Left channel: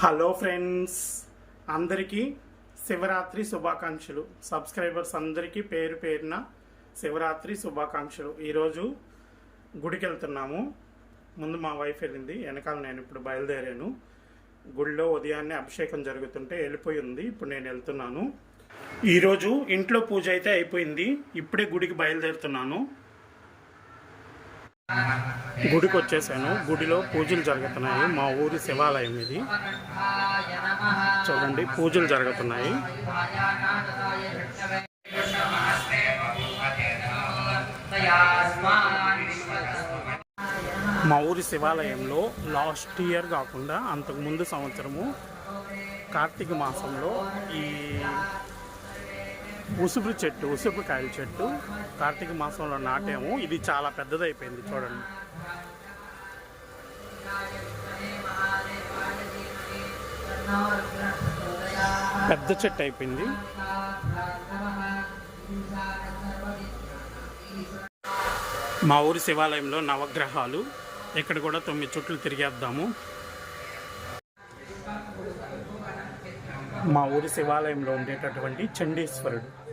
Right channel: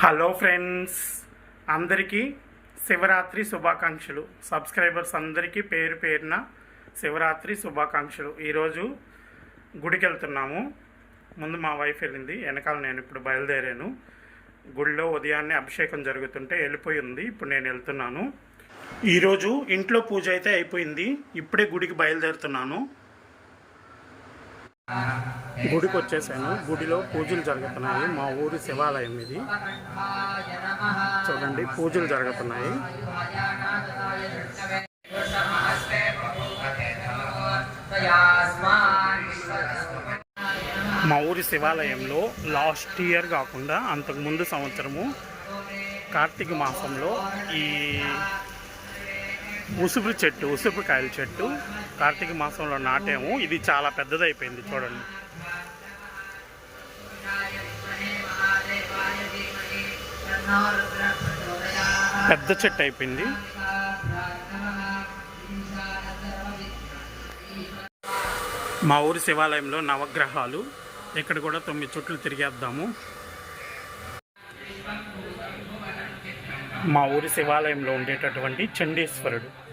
Hello friends అందరికీ శివరాత్రి శుభాకాంక్షలు. Subscribers అందరికీ పేరు పేరున శివరాత్రి శుభాకాంక్షలు. ఈరోజు గుడికి వెళ్తున్నాము ముందు మా వైఫ్ వెళ్ళింది. వెనకాల నేను ఇప్పుడు బయలుదేరాను. గుడిలో ఉదయాన్నే అభిషేకం జరుగుతుంటే వెళ్ళిపోయి ఉంది. ఇప్పుడు నేను వెళ్తున్నాను. ఈరోజు ఇంట్లో పూజ అయితే అయిపోయింది. ఇప్పుడే గుడికి బయలుదేరుతున్నాను. గుడికి వచ్చేసాను గుడిలో పూజలు జరుగుతున్నాయి. మా ఊరి శివాలయం ఇది. చూడండి పూజలు జరుగుతున్నాయి. మా ఊరి శివాలయంలో లాస్ట్ ఇయర్ కాకుండా అంతకుముందు సంవత్సరము కార్తీక మాసంలో ఈ ఉసుపు చెట్టు ఉసురుకాయల చెట్టు కార్తీక మాసంలో నాటాము. ఇది చాలా పెద్దదైపోయింది చూడండి. పెద్ద చెట్టు అయిపోయింది. మా ఊరి శివాలయంలో నవగ్రహాలు. ఇక్కడ కూడా తొమ్మిది చుట్లు తిరిగేద్దాము. మా ఊరి శివాలయంలో ఉండేటటువంటి చండీశ్వరుడు.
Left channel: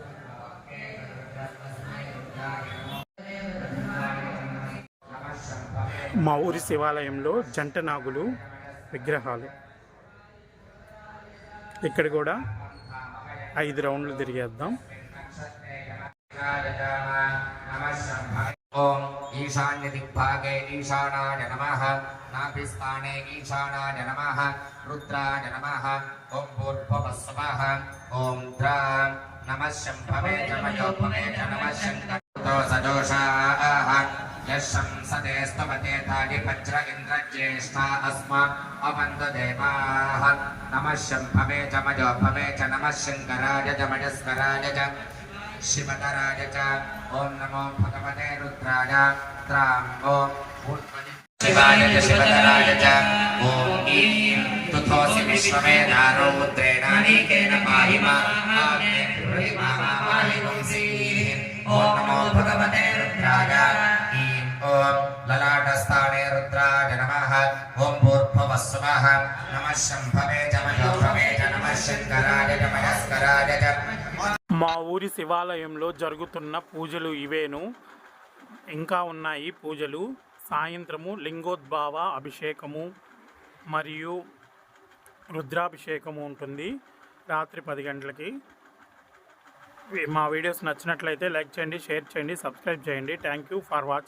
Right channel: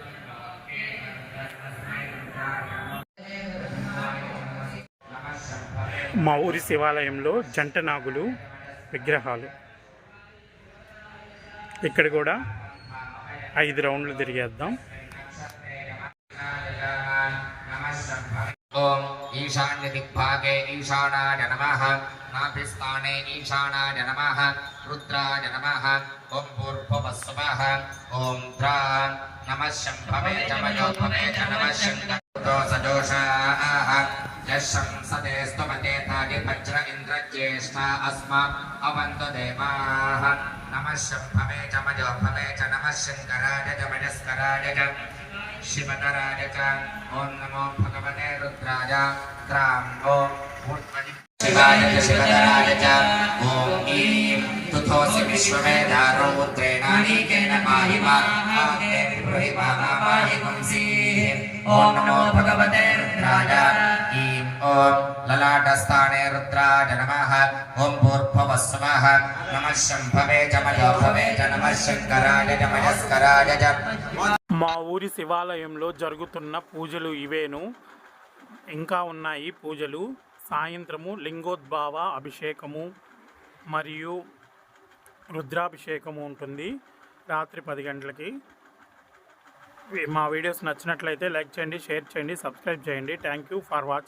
మా ఊరి శివాలయంలో జంట నాగులు విగ్రహాలు. ఇక్కడ కూడా ఐదు రౌండ్లు తిరిగేద్దాం. ఓం ఈశాన్య దిగ్భాగే ఈశానాయ నమ. నాభిస్థానే ఈశానాయ నమ. రుద్రాయ నమ. ఓం పూర్వవస్వ ఓం ద్రా నమ శంభవే చమయోపమే చ నమ శంకరోషా शंसते स्तवते तानि वज्र इन्द्रज्येष्ठा अस्मा अवन्तु देवाः नमः शम्भवे च मयोभवे च नमः शङ्कराय च मयस्कराय च शिवतराय च। ॐ नमो भगवते रुद्राय। त्रां ॐ भूत्वनि शिवाय च शिवतराय च। ॐ ईं तुथोऽसि विश्वमेधारो रुद्रेणानीकेन पाहि मा पाहि पुंसीः ఓం మా ఊరి శివాలయంలో జరుగుతున్న పూజలు ఇవేను. ఇంకా ఉన్నాయి పూజలు. సాయంత్రము లింగోద్భావ అభిషేకము మరియు రుద్రాభిషేకము ఉంటుంది రాత్రి పది గంటలకి. మా వీడియోస్ నచ్చినట్లయితే లైక్ చేయండి షేర్ చేయండి సబ్స్క్రైబ్ చేయండి. Thank you for watching